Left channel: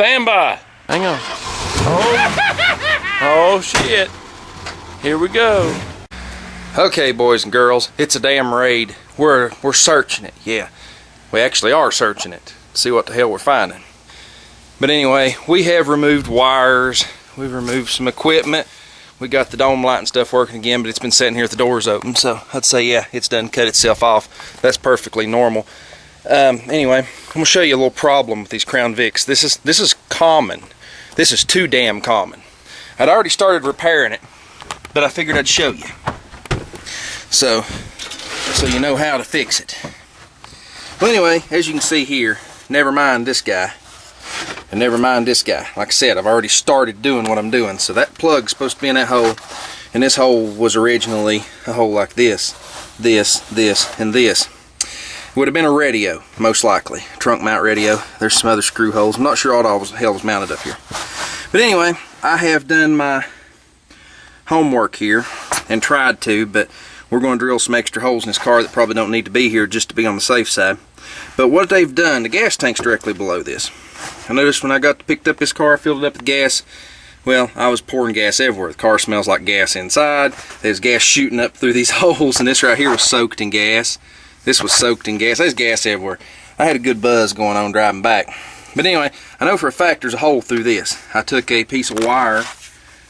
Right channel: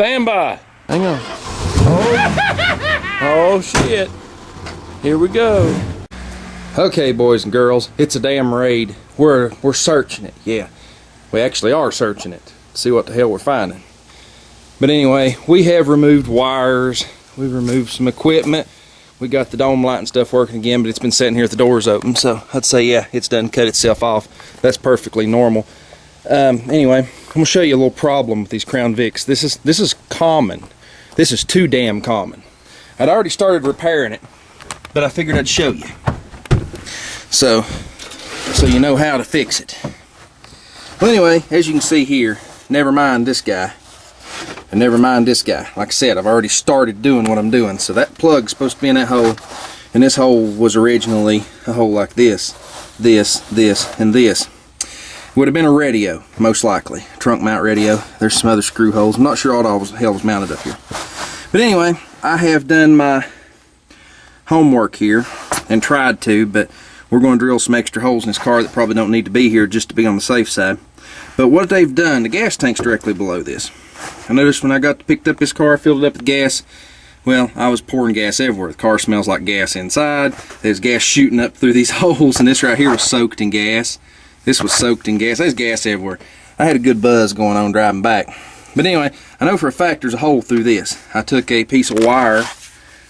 Stand by. Hang on. Oh shit. Here we go. Okay, boys and girls, it's a damn raid. We're searching it, yeah. We actually are searching it to see what the hell we're finding. But anyway, we have removed wires. We've removed some equipment. We got the dome light and stuff working again, but it's been sitting here with the doors open. So I'd say, yeah, it's done cut itself off. That's perfectly normal. Anyway, I'm gonna show you a little problem with these Crown Vics. This is common. This is too damn common. I'd already started repairing it, but I figured I'd show you. So you know how to fix it. Well, anyway, as you can see here, never mind this guy, and never mind this guy. Like I said, I've already started doing what I'm doing. So that plug's supposed to be in that hole, and this hole was originally a hole like this, and this. Would have been a radio, most likely. Trunk mount radio. There's some other screw holes. I'm not sure all the hell was mounted up here. But anyway, I have done my homework here and tried to, but we're going to drill some extra holes in this car that probably don't need to be here just to be on the safe side. But what they've done, the gas tank's directly below this. I noticed when I picked up this car, filled it up with gas, well, I was pouring gas everywhere. The car smells like gas inside. There's gas shooting up through these holes, and this right here was soaked in gas. This was soaked in gas. There's gas everywhere. I had a good buzz going on driving back. But anyway, I know for a fact there's a hole through this. I took a piece of wire,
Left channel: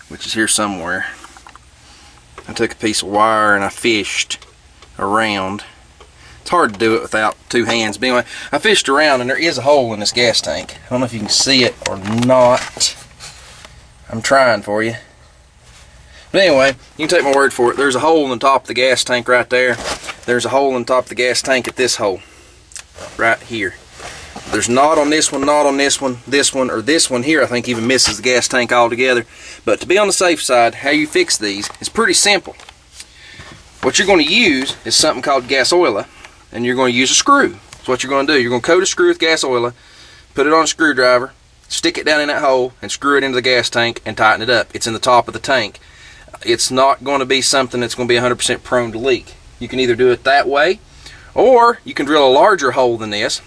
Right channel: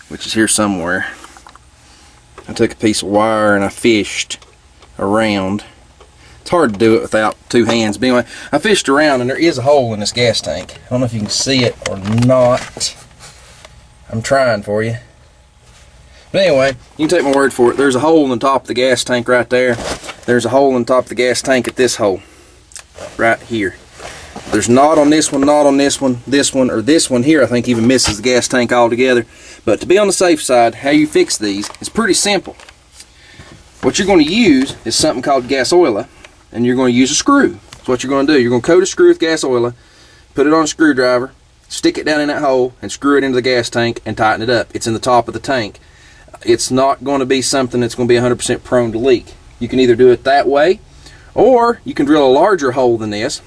which is here somewhere. I took a piece of wire and I fished around. It's hard to do it without two hands. But anyway, I fished around and there is a hole in this gas tank. I don't know if you can see it or not. I'm trying for you. But anyway, you can take my word for it. There's a hole in the top of the gas tank right there. There's a hole in the top of the gas tank at this hole. Right here. There's not on this one, not on this one, or this one here I think even misses the gas tank altogether. But to be on the safe side, how you fix these is pretty simple. What you're going to use is something called gas oil, and you're going to use a screw. That's what you're going to do. You're going to coat a screw with gas oil, put it on a screwdriver, stick it down in that hole, and screw it into the gas tank and tighten it up. It's in the top of the tank. It's not going to be something that's going to be 100% prone to leak. You can either do it that way, or you can drill a larger hole than this,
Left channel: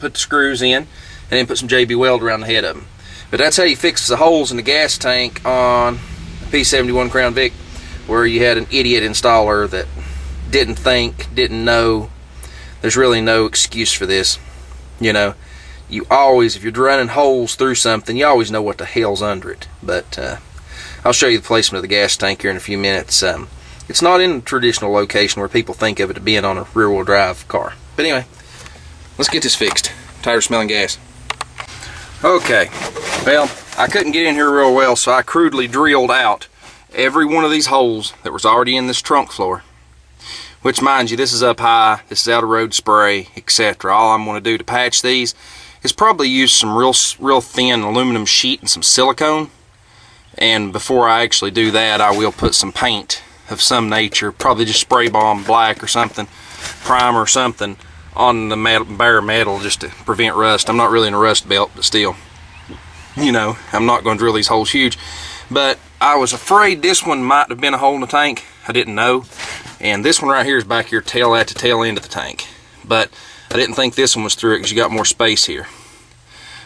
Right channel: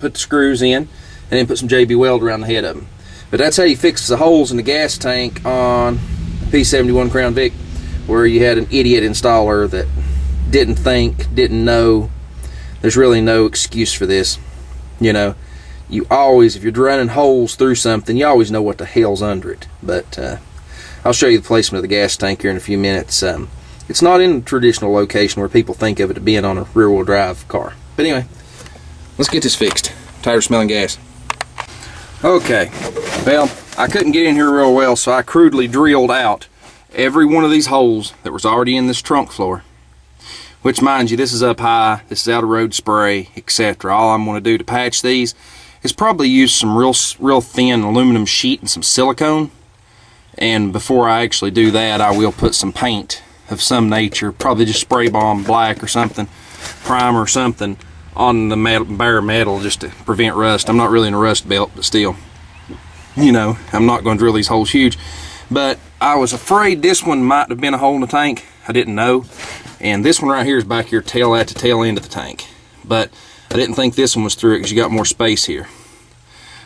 put the screws in, and then put some JB Weld around the head of them. But that's how you fix the holes in the gas tank on a P71 Crown Vic, where you had an idiot installer that didn't think, didn't know. There's really no excuse for this. You know, you always, if you're running holes through something, you always know what the hell's under it. But I'll show you the placement of the gas tank here in a few minutes. It's not in a traditional location where people think of it being on a rear-wheel drive car. But anyway, let's get this fixed. I'm tired of smelling gas. Okay, well, I couldn't get in here real well, so I crudely drilled out every one of these holes that was already in this trunk floor. Which, mind you, this is up high, this is out of road spray, etc. All I'm going to do to patch these is probably use some real thin aluminum sheet and some silicone. And before I actually do that, I will put some paint of some nature, probably just spray bomb black or something, primer or something, on the bare metal just to prevent rust. I'm not really in a rust belt, but still, you know, I'm not going to drill these holes huge. But I was afraid this one might have been a hole in the tank. I didn't know. And this one right here is back here at the tail end of the tank. But I didn't think this one was through it because you got more space here.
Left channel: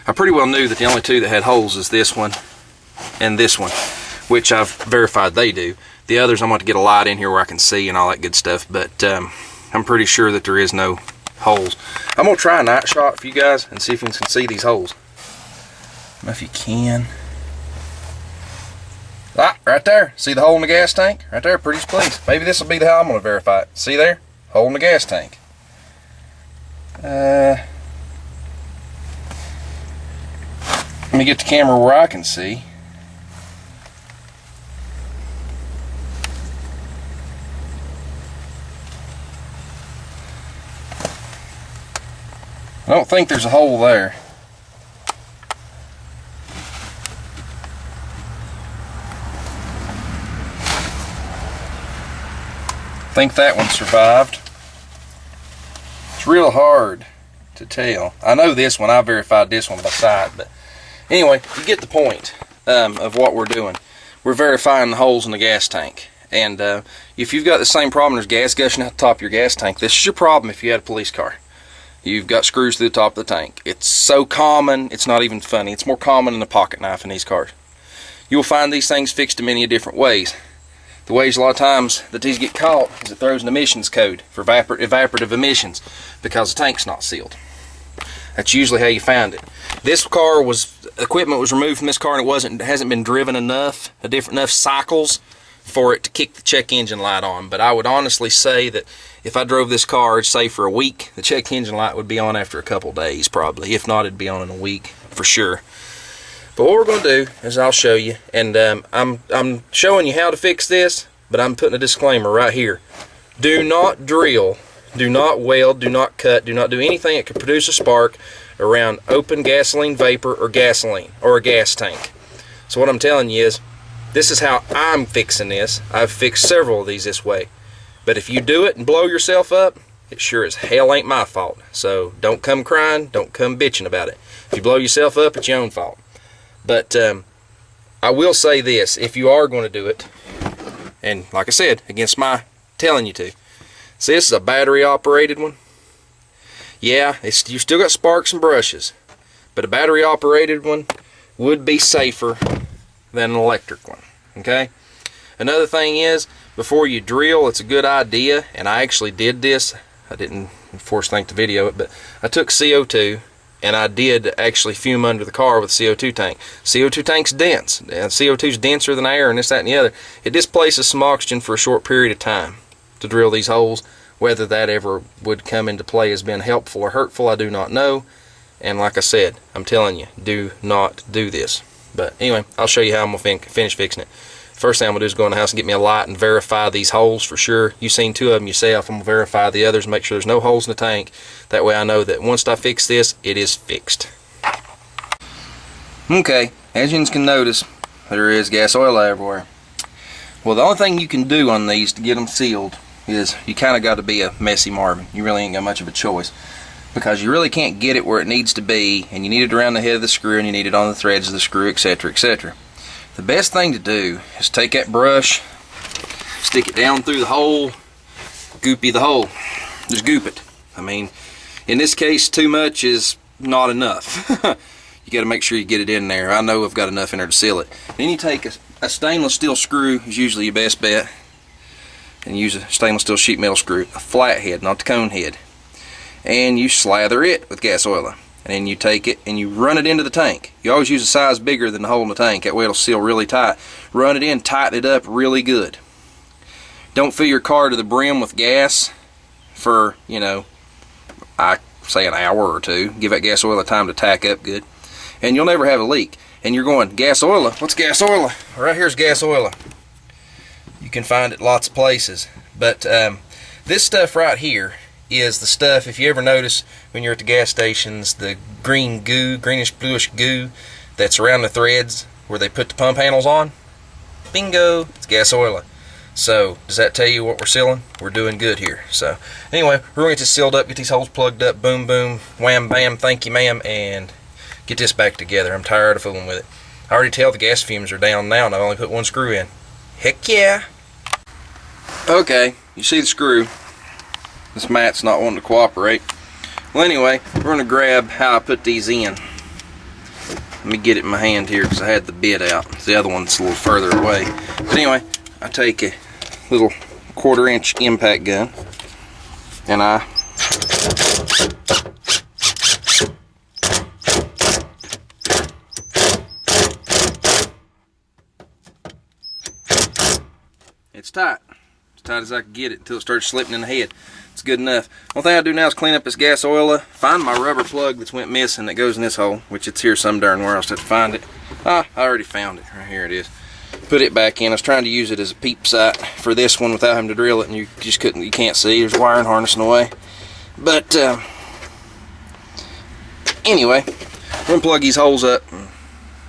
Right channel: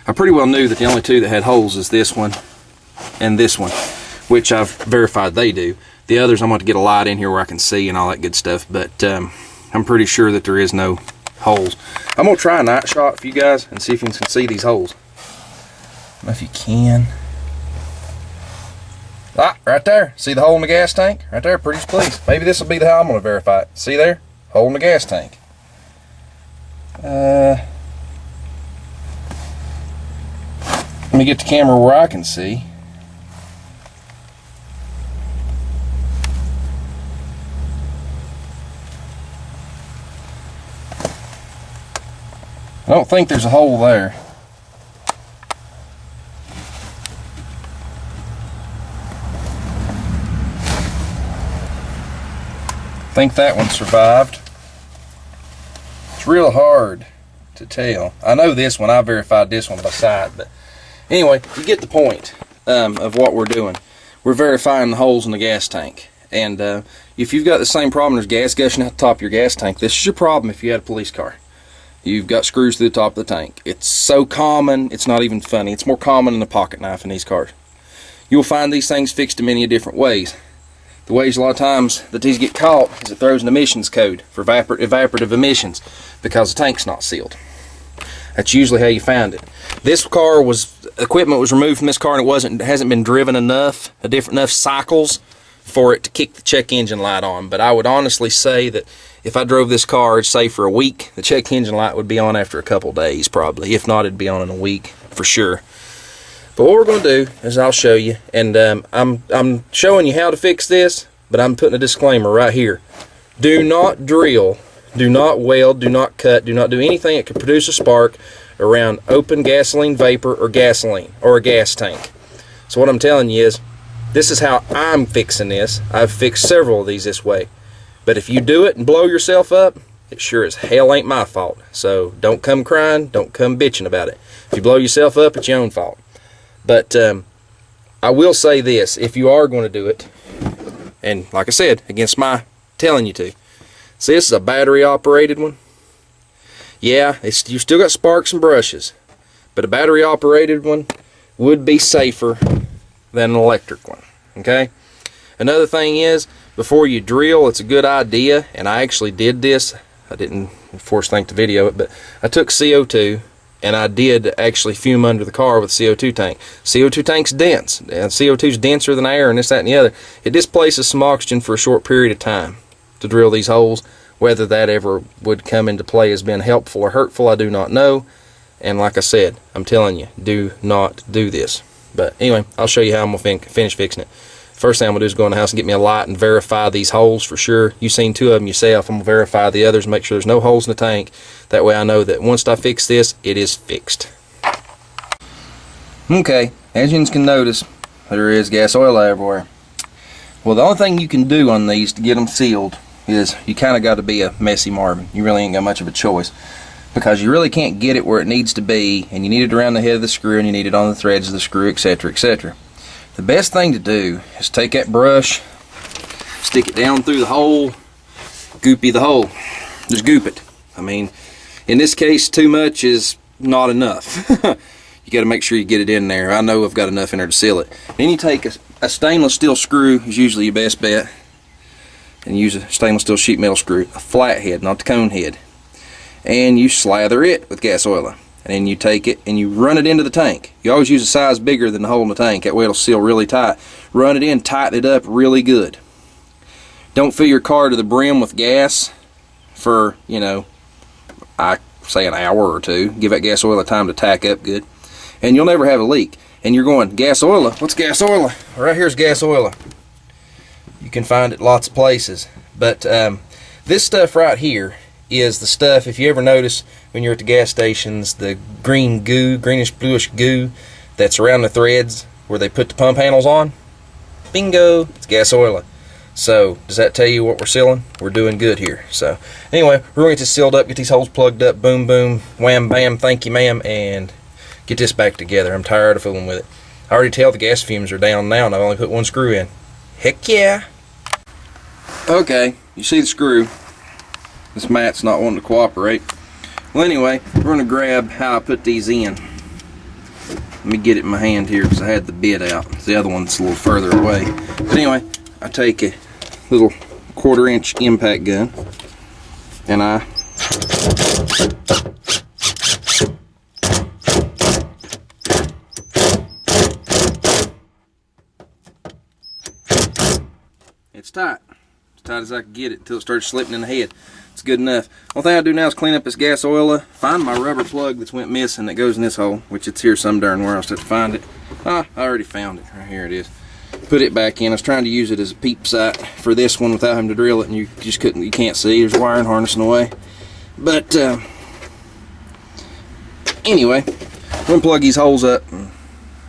I pretty well knew that the only two that had holes is this one and this one, which I've verified they do. The others, I'm going to get a light in here where I can see and all that good stuff, but I'm pretty sure that there is no holes. I'm going to try a night shot for you guys and see if you can see these holes. I don't know if you can. Ah, right there. See the hole in the gas tank? Right there, pretty please. Maybe this will be how I'm going to verify it. See there? Hole in the gas tank. Let me get the camera where I can see. I don't think there's a hole there. I think that one survived. It's real hard to tell. I know this one, I verified this one by sight, but anyway, you get the point of what we're doing. We're verifying the holes in the gas tank. And if you've got the same problem, there's gas gushing out the top of your gas tank, this is your problem if you had a police car. you've got screws through the top of the tank. It's so common, it's not even funny. It's more common than a pocket knife in these cars. You'll find these things fixed in many different ways. The ways a lot of times that these get caught is it throws an emissions code for evaporative emissions because the tank's not sealed. That's usually how you find it. This car equipment was removed from this car and it hasn't been driven enough cycles for it to kick the check engine light on. But I would honestly say that if I drove this car, say for a week, the check engine light would be on after a couple days probably. If not, it'd be on in a week for sure. But what we're going to do is I'll show you, and I'm showing you how to fix this, but I'm putting a disclaimer right here. Do not drill, do not weld, do not cut, do not do anything that could produce a spark around open gasoline vapor or gasoline or a gas tank. So what I'm telling you is, this is how I'm fixing this. I've fixed several of these this way. But if you do it and blow yourself up, it sure as hell ain't my fault. So don't come crying, don't come bitching about it. If you blow yourself up, it's your own fault. But I will say this, if you are going to do it, and like I said, against my telling you to, see, this is a battery operated one. Yeah, you still got sparks and brushes, but a battery operated one would be safer than an electric one, okay? Another thing is, before you drill, it's a good idea, and I actually did this. I didn't force link to video it, but I took CO2 and I did actually fume under the car with a CO2 tank. CO2 tank's dense, and CO2's denser than air and this, that, and the other. It displaces some oxygen for a short period of time to drill these holes. Whether that ever would come into play as being helpful or hurtful, I do not know. And like I said, I'm telling you, do not do this. But anyway, I'll show you how I'm going to finish fixing it. First thing I'm going to do is go in the house and get me a light and verify these holes for sure. You've seen two of them yourself. I'm going to verify the others and make sure there's no holes in the tank. That way I know that once I fix this, it is fixed. Okay, as you can notice, there is gas oil everywhere. Well, the only thing you can do on these to get them sealed is you kind of got to be a messy Marvin. You really ain't got much of a choice, because you really can't get it where it needs to be, and you need it around the head of the screw, and you need it on the threads of the screw, etc., etc. The best thing to do is take that brush, stick it down through the hole, goopy the hole. Just goop it. I mean, in this case, too much is not enough. You got to make sure you get it in there. I know I've got enough in there to seal it. Then you take a stainless steel screw, is usually your best bet, and use a stainless steel sheet metal screw, a flathead, not the cone head, and you slather it with gas oil. And then you take it and you run it into the tank. You always use a size bigger than the hole in the tank. That way it'll seal really tight. Run it in, tighten it up really good. Don't fill your car to the brim with gas for, you know, I say an hour or two. Give that gas oil time to tack up good. And you'll never have a leak. And you're going, gas oil? What's gas oil? Right here's gas oil. You can find it lots of places. But this stuff right here is the stuff, if you ever notice when you're at the gas stations, the green goo, greenish bluish goo that's around the threads where they put the pump handles on. Bingo, it's gas oil. So does that tell you what we're sealing? We're doing good here. So anyway, we're going to get this sealed up, get these holes plugged up, boom boom, wham bam, thank you ma'am, and get this back together. I'm tired of fooling with it. I already tell the gas fumes are down now, and I've only put one screw in. Heck yeah. Okay, you see the screw. This mat's not wanting to cooperate. Well, anyway, we're going to grab how I put these in. Let me get it in my hand here because I had the bit out. The other one's a little further away. But anyway, I take a little 1/4 inch impact gun and I it's tight. As tight as I can get it until it starts slipping in the head. It's good enough. One thing I do now is clean up this gas oil, find my rubber plug that's went missing that goes in this hole, which it's here some darn where else to find it. I already found it. Right here it is. Put it back in. I was trying to use it as a peep sight for this one without having to drill it, and you just couldn't, you can't see. There's a wiring harness in the way. But anyway, we're gonna plug these holes up and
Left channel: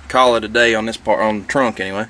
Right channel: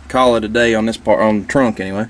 call it a day on this part, on the trunk anyway.